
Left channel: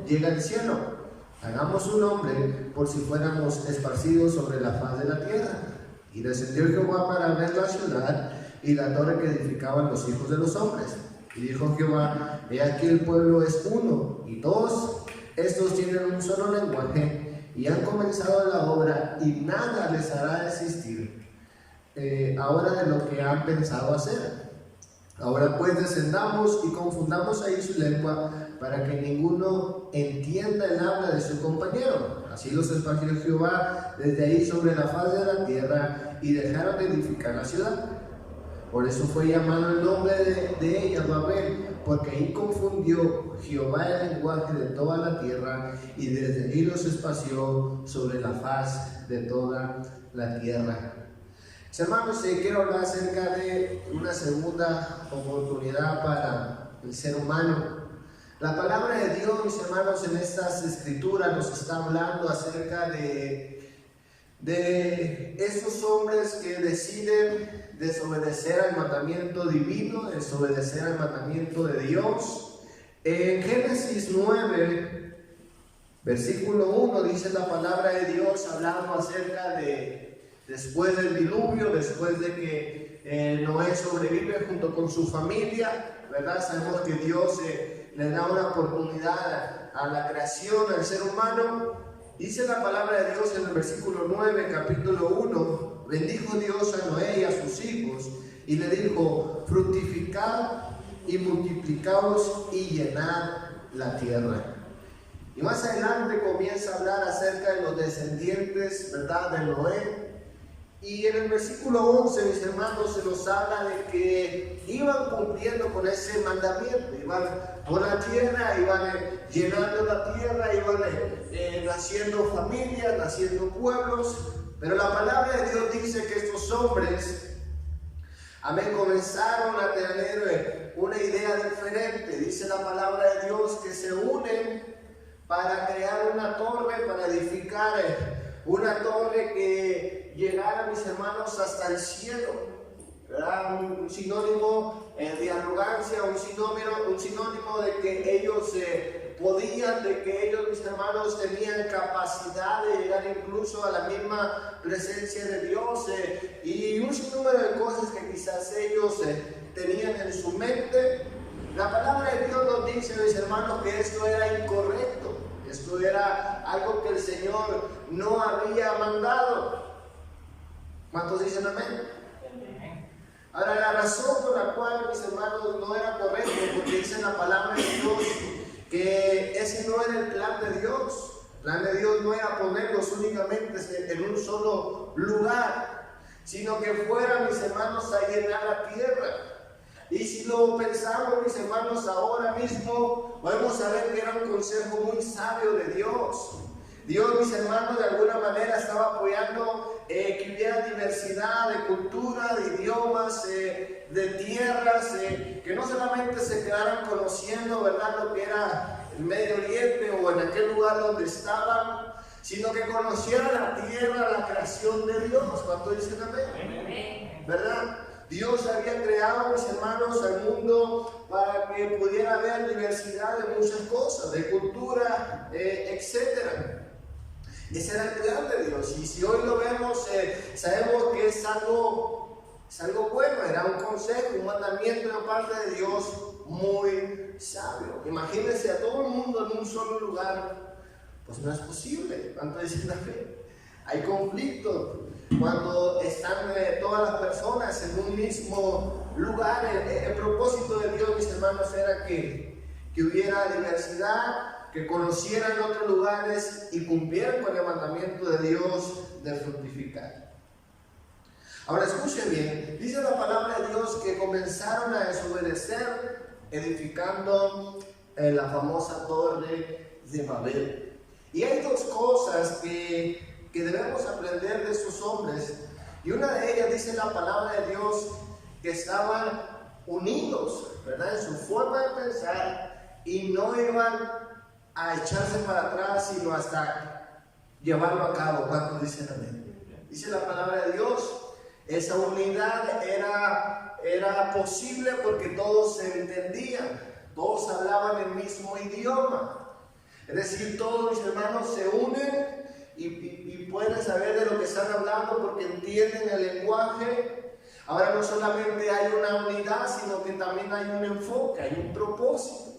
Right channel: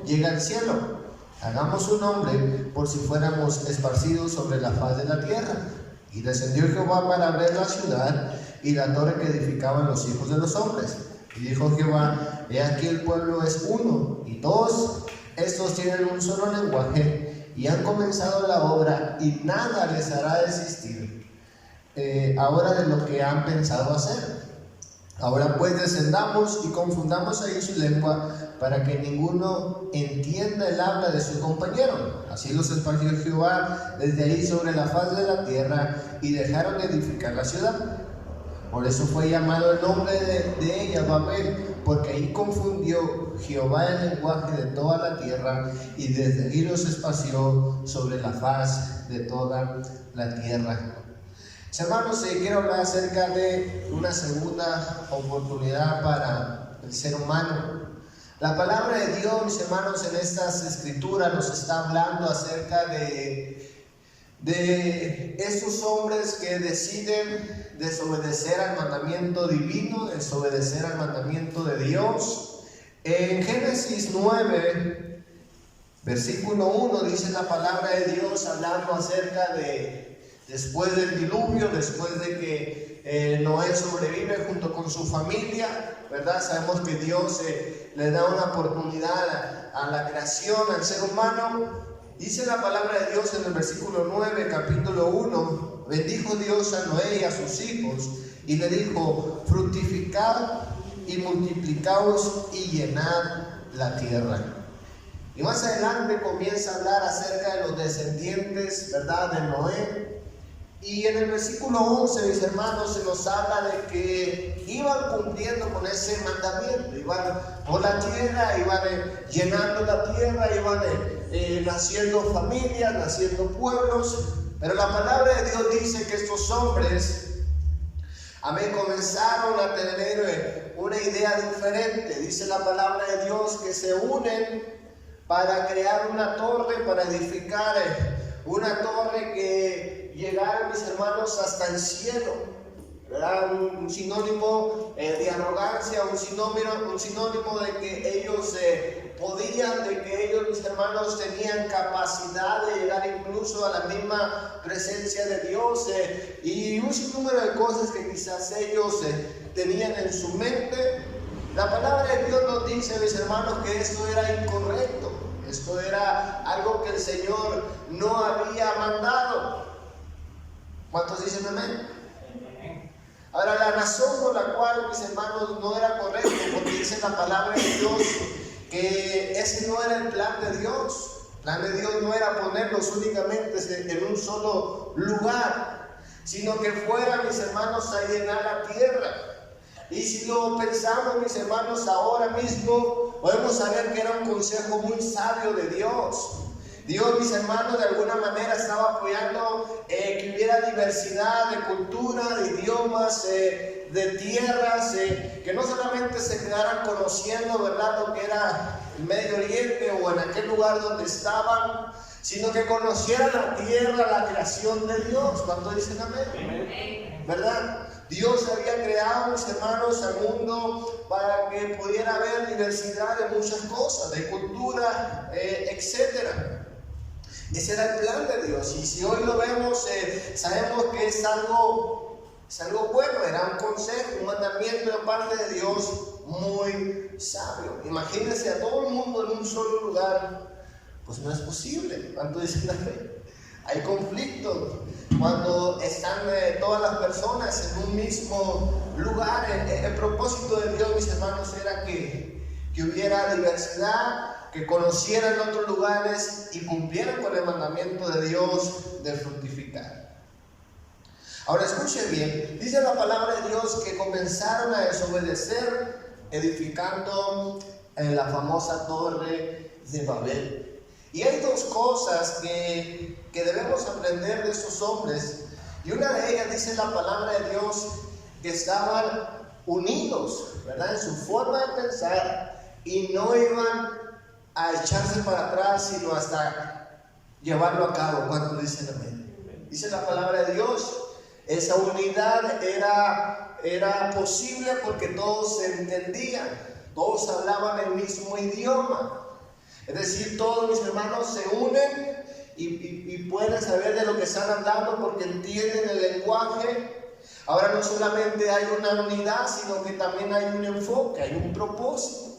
llega al cielo. Hagamos un nombre por si fuéramos esparcidos sobre la faz de la tierra. Y descendió Jehová para ver la ciudad y la torre que edificaban los hijos de los hombres. Y dijo Jehová: he aquí el pueblo es uno, y todos estos tienen un solo lenguaje, y han comenzado la obra, y nada les hará desistir ahora de lo que han pensado hacer. Ahora pues descendamos y confundamos ahí su lengua, para que ninguno entienda el habla de su compañero. Así los esparció Jehová desde ahí sobre la faz de la tierra, y dejaron de edificar la ciudad. Por eso fue llamado el nombre de ella Babel, porque ahí confundió Jehová el lenguaje de toda la tierra, y desde ahí los esparció sobre la faz de toda la tierra. Hermanos, quiero hablar acerca de una segunda oportunidad para el ser humano. La palabra de Dios, mis hermanos, en estas escrituras nos está hablando acerca de estos hombres que deciden desobedecer al mandamiento divino, desobedecer al mandamiento de Dios. En Génesis 9, versículo 1, dice la palabra de Dios hablando acerca de después del diluvio, después de que Noé sobrevive junto con su familia, ¿verdad? Sabemos que Dios le da una oportunidad a la creación, al ser humano. Dice la palabra de Dios en el versículo 9, capítulo 1: bendijo Dios a Noé y a sus hijos, y le dijo: fructificad y multiplicaos y llenad la tierra. Y más adelante comienza a hablar acerca de los descendientes, ¿verdad?, de Noé. Y en el versículo 11, mis hermanos, se nos habla de que iban cumpliendo con ese mandamiento, iban por la tierra, iban llenando la tierra, iban naciendo familias, naciendo pueblos. Pero la palabra de Dios dice que estos hombres, amén, comenzaron a tener una idea diferente. Dice la palabra de Dios que se unen para crear una torre, para edificar una torre que llegara, mis hermanos, hasta el cielo, ¿verdad? Un sinónimo de arrogancia, un sinónimo de que ellos podían, de que ellos, mis hermanos, tenían capacidad de llegar incluso a la misma presencia de Dios, y un sinnúmero de cosas que quizás ellos tenían en su mente. La palabra de Dios nos dice, mis hermanos, que esto era incorrecto, esto era algo que el Señor no había mandado. ¿Cuántos dicen amén? Ahora, la razón por la cual, mis hermanos, no era correcto, porque dice la palabra de Dios que ese no era el plan de Dios. El plan de Dios no era ponerlos únicamente en un solo lugar, sino que fuera, mis hermanos, a llenar la tierra. Y si lo pensamos, mis hermanos, ahora mismo podemos saber que era un consejo muy sabio de Dios. Dios, mis hermanos, de alguna manera estaba apoyando que hubiera diversidad de cultura, de idiomas, de tierras, que no solamente se quedaran conociendo, ¿verdad?, lo que era el Medio Oriente o en aquel lugar donde estaban, sino que conocieran la tierra, la creación de Dios. ¿Cuánto dicen amén? ¿Verdad? Dios había creado, mis hermanos, al mundo para que pudiera haber diversidad de muchas cosas, de cultura, etc. Ese era el plan de Dios. Y si hoy lo vemos, sabemos que es algo bueno. Era un consejo, un mandamiento de parte de Dios muy sabio. Imagínense a todo el mundo en un solo lugar. Pues no es posible. ¿Cuánto dicen la fe? Hay conflictos. Cuando están todas las personas en un mismo lugar, el propósito de Dios, mis hermanos, era que hubiera diversidad, que conocieran otros lugares y cumplieran con el mandamiento de Dios de fructificar. Ahora escuche bien, dice la palabra de Dios que comenzaron a desobedecer edificando la famosa torre de Babel. Y hay dos cosas que debemos aprender de estos hombres, y una de ellas dice la palabra de Dios que estaban unidos, ¿verdad?, en su forma de pensar, y no iban a echarse para atrás, sino hasta llevarlo a cabo. ¿Cuánto dicen amén? Dice la palabra de Dios, esa unidad era posible porque todos se entendían, todos hablaban el mismo idioma. Es decir, todos mis hermanos se unen y pueden saber de lo que están hablando porque entienden el lenguaje. Ahora no solamente hay una unidad, sino que también hay un enfoque, hay un propósito.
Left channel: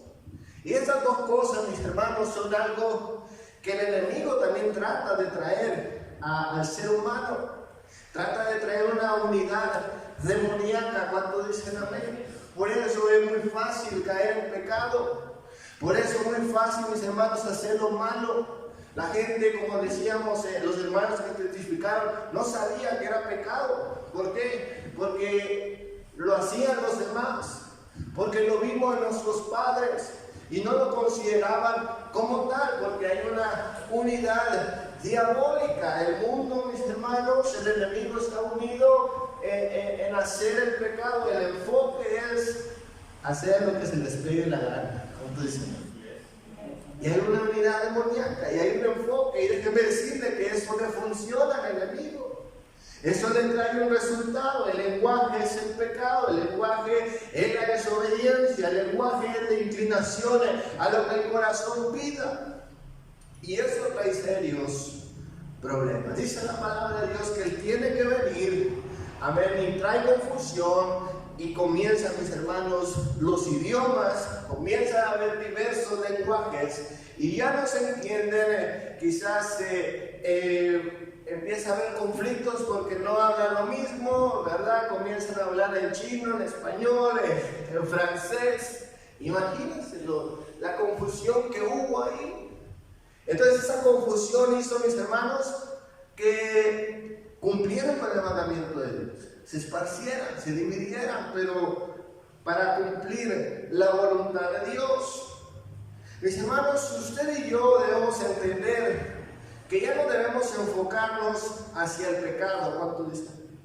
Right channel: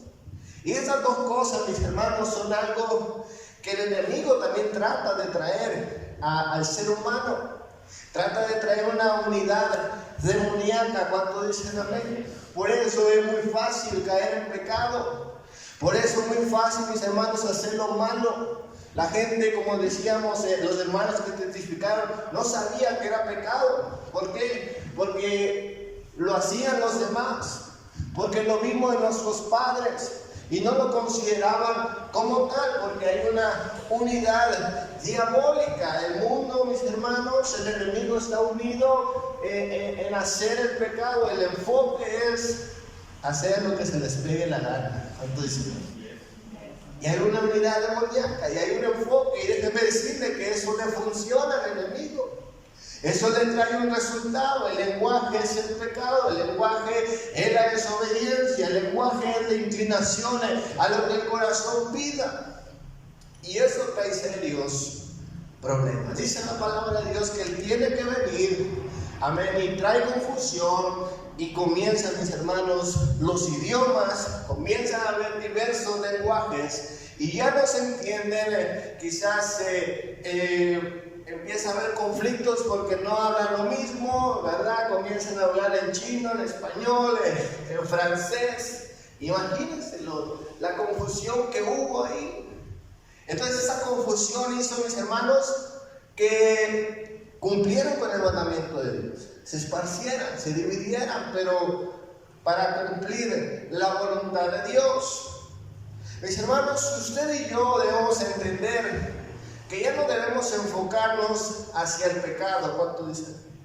Y estas dos cosas, mis hermanos, son algo que el enemigo también trata de traer al ser humano. Trata de traer una unidad demoníaca. ¿Cuánto dicen amén? Por eso es muy fácil caer en pecado. Por eso es muy fácil, mis hermanos, hacer lo malo. La gente, como decíamos, los hermanos que testificaron, no sabían que era pecado. ¿Por qué? Porque lo hacían los demás. Porque lo vimos en nuestros padres y no lo consideraban como tal, porque hay una unidad diabólica. El mundo, mis hermanos, el enemigo está unido en hacer el pecado. El enfoque es hacer lo que se les pegue la gana. ¿Cuánto dicen? Y hay una unidad demoníaca, y hay un enfoque, y déjeme decirle que eso le funciona al enemigo. Eso le trae un resultado. El lenguaje es el pecado, el lenguaje es la desobediencia, el lenguaje es la inclinación a lo que el corazón pida. Y eso trae serios problemas. Dice la palabra de Dios que Él tiene que venir, amén, y trae confusión. Y comienzan, mis hermanos, los idiomas, comienzan a haber diversos lenguajes y ya no se entienden, quizás empieza a haber conflictos porque no hablan lo mismo, ¿verdad? Comienzan a hablar en chino, en español, en francés. Imagínense la confusión que hubo ahí. Entonces esa confusión hizo, mis hermanos, que cumplieron con el mandamiento de Dios. Se esparcieran, se dividieran, pero para cumplir la voluntad de Dios. Mis hermanos, usted y yo debemos entender que ya no debemos enfocarnos hacia el pecado. ¿Cuánto dicen?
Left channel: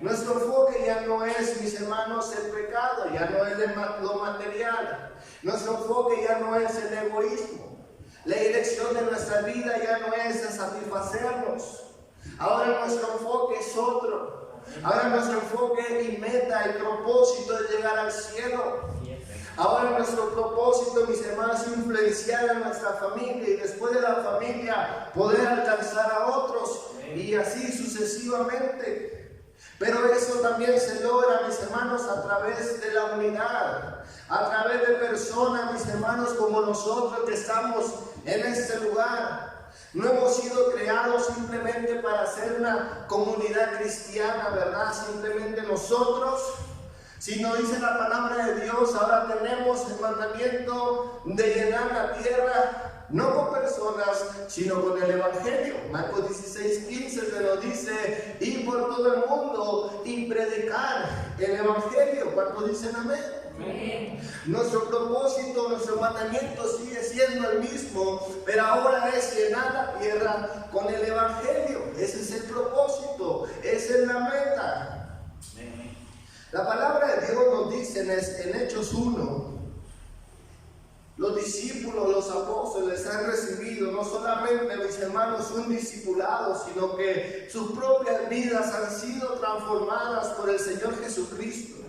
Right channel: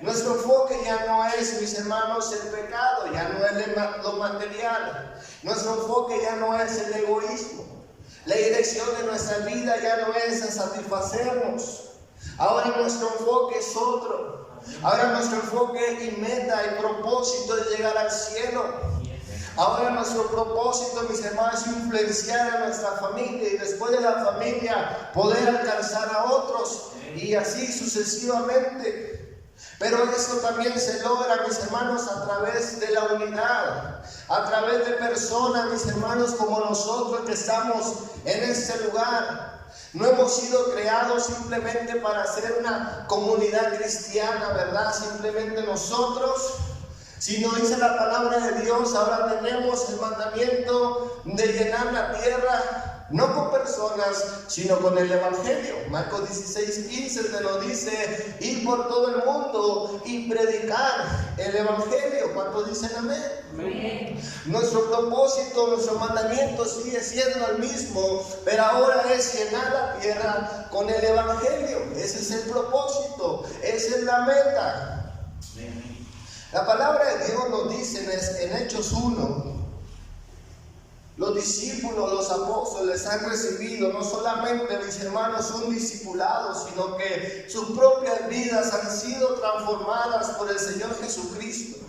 Nuestro enfoque ya no es, mis hermanos, el pecado, ya no es lo material. Nuestro enfoque ya no es el egoísmo. La dirección de nuestra vida ya no es a satisfacernos. Ahora nuestro enfoque es otro. Ahora nuestro enfoque y meta, el propósito es llegar al cielo. Ahora nuestro propósito, mis hermanos, es influenciar a nuestra familia y después de la familia poder alcanzar a otros y así sucesivamente. Pero eso también se logra, mis hermanos, a través de la unidad, a través de personas, mis hermanos, como nosotros que estamos en este lugar. No hemos sido creados simplemente para ser una comunidad cristiana, ¿verdad? Simplemente nosotros, sino dice la palabra de Dios, ahora tenemos el mandamiento de llenar la tierra, no con personas, sino con el Evangelio. Marcos 16:15 se nos dice, ir por todo el mundo y predicar el Evangelio. ¿Cuántos dicen amén? Amén. Nuestro propósito, nuestro mandamiento sigue siendo el mismo, pero ahora es llenar la tierra con el Evangelio. Ese es el propósito, esa es la meta. La palabra de Dios nos dice en Hechos 1, los discípulos, los apóstoles han recibido no solamente, mis hermanos, un discipulado, sino que sus propias vidas han sido transformadas por el Señor Jesucristo.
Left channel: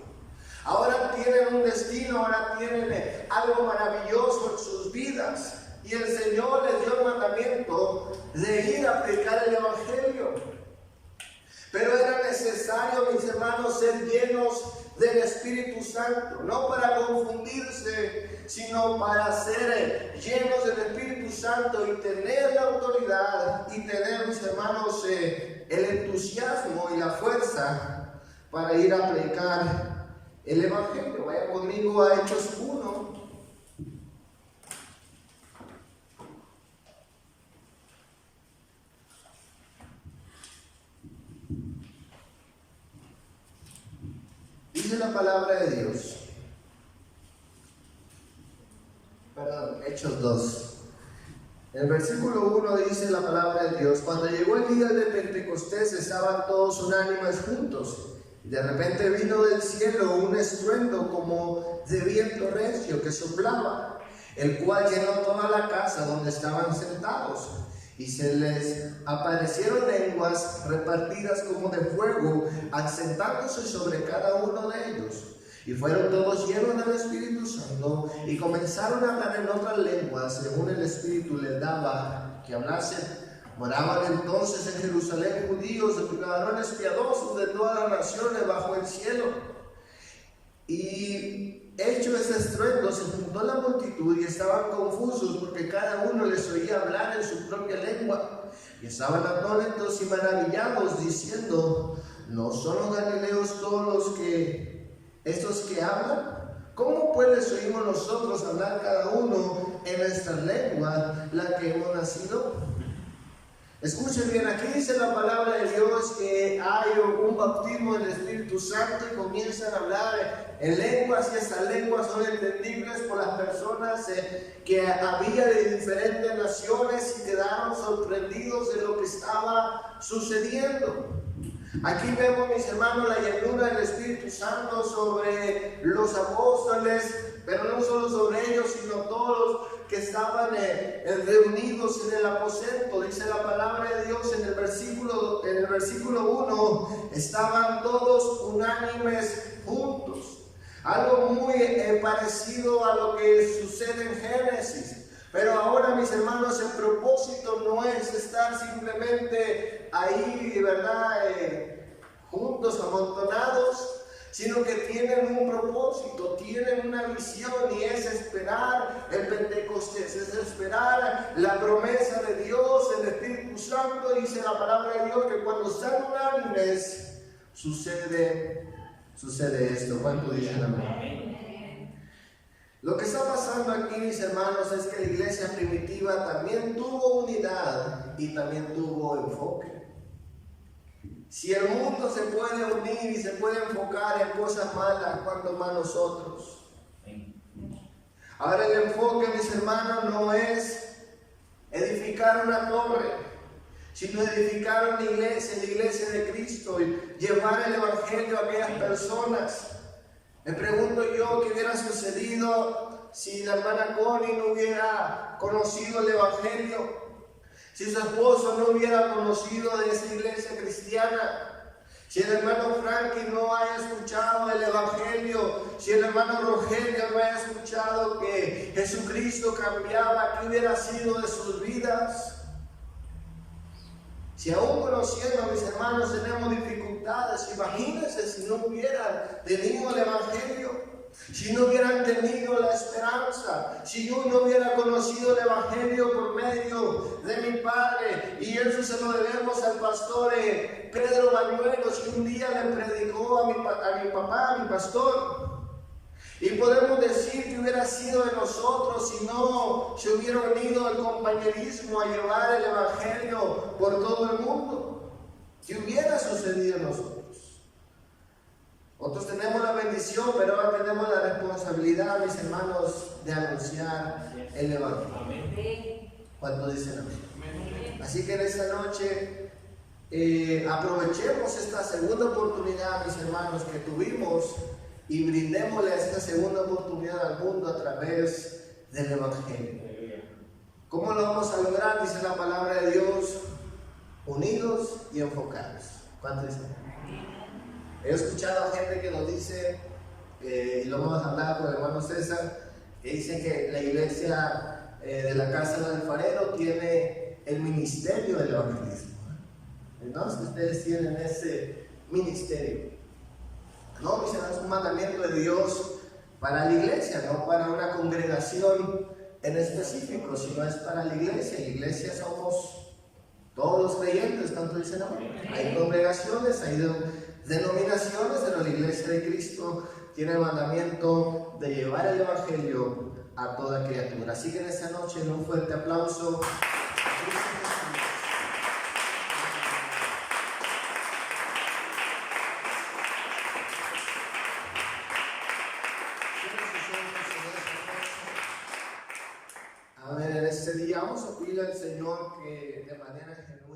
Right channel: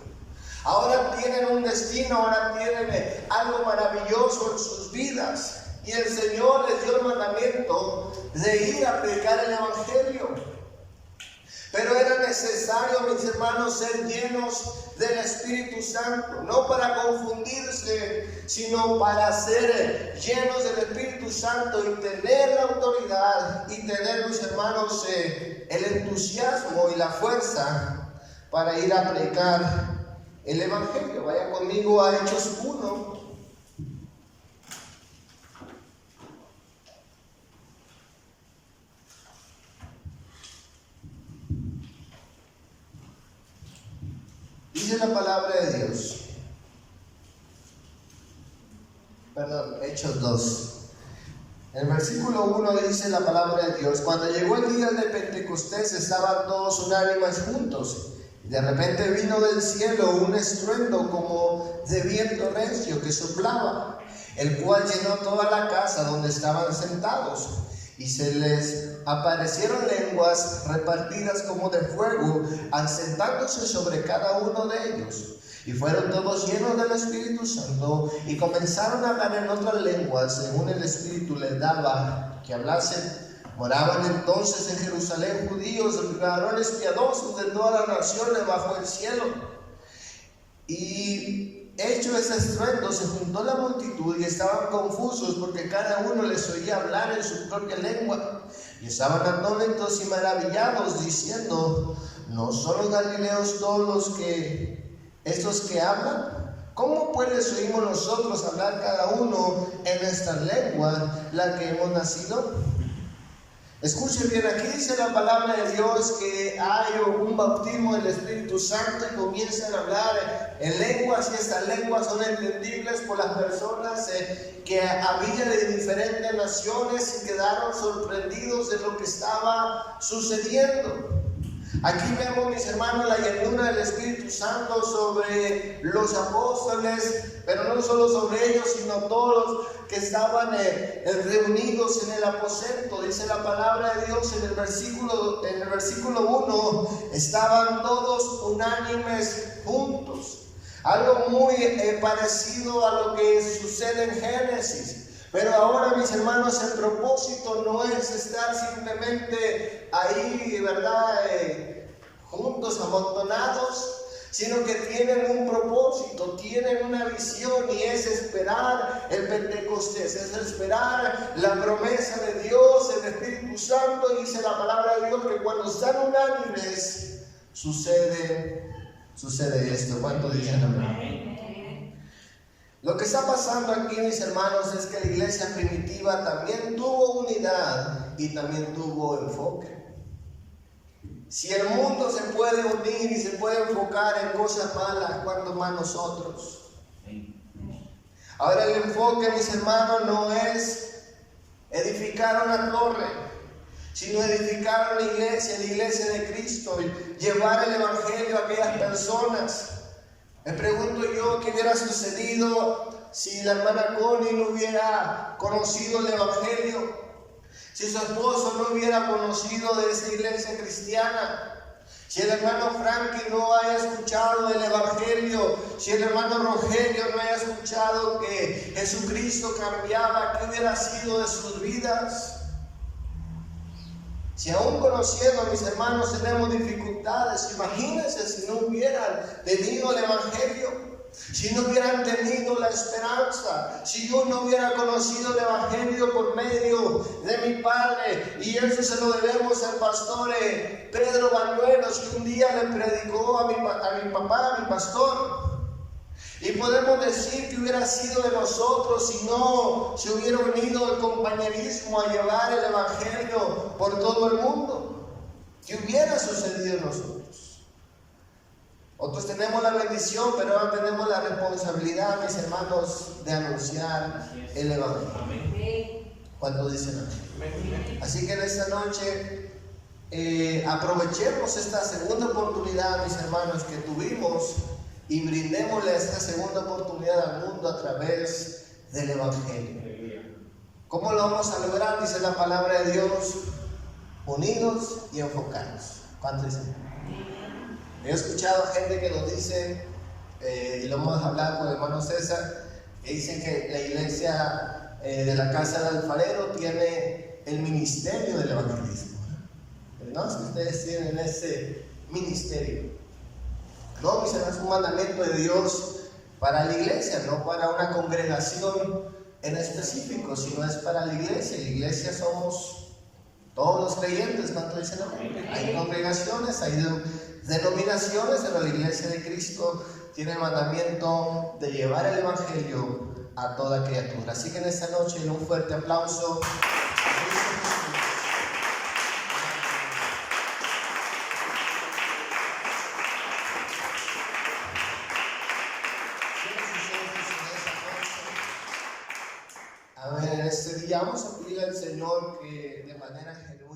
Ahora tienen un destino, ahora tienen algo maravilloso en sus vidas. Y el Señor les dio el mandamiento de ir a predicar el Evangelio. Pero era necesario, mis hermanos, ser llenos del Espíritu Santo, no para confundirse, sino para ser llenos del Espíritu Santo y tener la autoridad y tener, mis hermanos, el entusiasmo y la fuerza para ir a predicar el Evangelio. Vaya conmigo a Hechos 1. Dice la palabra de Dios. Hechos 2. En el versículo 1 dice la palabra de Dios: cuando llegó el día de Pentecostés, estaban todos unánimes juntos. Y de repente vino del cielo un estruendo como de viento recio que soplaba, el cual llenó toda la casa donde estaban sentados. Y se les aparecieron lenguas repartidas como de fuego, asentándose sobre cada uno de ellos. Y fueron todos llenos del Espíritu Santo y comenzaron a hablar en otras lenguas, según el Espíritu les daba que hablasen. Moraban entonces en Jerusalén judíos, varones piadosos de todas las naciones bajo el cielo. Y hecho ese estruendo, se juntó la multitud y estaban confusos, porque cada uno les oía hablar en su propia lengua. Y estaban atónitos y maravillados, diciendo: ¿no son los galileos todos estos que hablan? ¿Cómo pues les oímos nosotros hablar cada uno en nuestra lengua, la que hemos nacido? Escuchen bien, aquí dice la palabra de Dios que hay un bautismo del Espíritu Santo y comienzan a hablar en lenguas, y estas lenguas son entendibles por las personas que había de diferentes naciones y quedaron sorprendidos de lo que estaba sucediendo. Aquí vemos, mis hermanos, la llenura del Espíritu Santo sobre los apóstoles, pero no solo sobre ellos, sino todos que estaban reunidos en el aposento. Dice la palabra de Dios en el versículo 1, estaban todos unánimes juntos. Algo muy parecido a lo que sucede en Génesis. Pero ahora, mis hermanos, el propósito no es estar simplemente ahí, ¿verdad? Juntos, amontonados, sino que tienen un propósito, tienen una visión, y es esperar el Pentecostés, es esperar la promesa de Dios, el Espíritu Santo. Y dice la palabra de Dios que cuando están unánimes sucede esto. ¿Cuánto dicen amén? Lo que está pasando aquí, mis hermanos, es que la iglesia primitiva también tuvo unidad y también tuvo enfoque. Si el mundo se puede unir y se puede enfocar en cosas malas, ¿cuánto más nosotros? Ahora, el enfoque, mis hermanos, no es edificar una torre, sino edificar una iglesia, la iglesia de Cristo, y llevar el evangelio a aquellas personas. Me pregunto yo qué hubiera sucedido si la hermana Connie no hubiera conocido el evangelio, si su esposo no hubiera conocido de esa iglesia cristiana, si el hermano Frankie no haya escuchado el evangelio, si el hermano Rogelio no haya escuchado que Jesucristo cambiaba, ¿qué hubiera sido de sus vidas? Si aún conociendo, mis hermanos, tenemos dificultades, imagínense si no hubieran tenido el evangelio, si no hubieran tenido la esperanza, si yo no hubiera conocido el evangelio por medio de mi padre. Y eso se lo debemos al pastor Pedro Bañuelos, que un día le predicó a mi papá, a mi pastor. Y podemos decir que hubiera sido de nosotros si no se hubiera unido el compañerismo a llevar el evangelio por todo el mundo. ¿Qué hubiera sucedido en nosotros? Otros tenemos la bendición, pero ahora tenemos la responsabilidad, mis hermanos, de anunciar el evangelio. Amén. ¿Cuántos dicen amén? Así que en esta noche aprovechemos esta segunda oportunidad, mis hermanos, que tuvimos, y brindémosle esta segunda oportunidad al mundo a través del evangelio. ¿Cómo lo vamos a lograr? Dice la palabra de Dios: unidos y enfocados. ¿Cuántos dicen? He escuchado a gente que nos dice, y lo vamos a hablar con el hermano César, que dicen que la iglesia de la casa del alfarero tiene el ministerio del evangelismo. No es que ustedes tienen ese ministerio. No, mis hermanos, es un mandamiento de Dios para la iglesia, no para una congregación en específico, sino es para la iglesia. La iglesia somos todos los creyentes. ¿Cuánto dicen? Hay congregaciones, hay denominaciones, pero la iglesia de Cristo tiene el mandamiento de llevar el evangelio a toda criatura. Así que en esta noche, un fuerte aplauso. A ver, este día vamos a pedirle al Señor que de manera genuina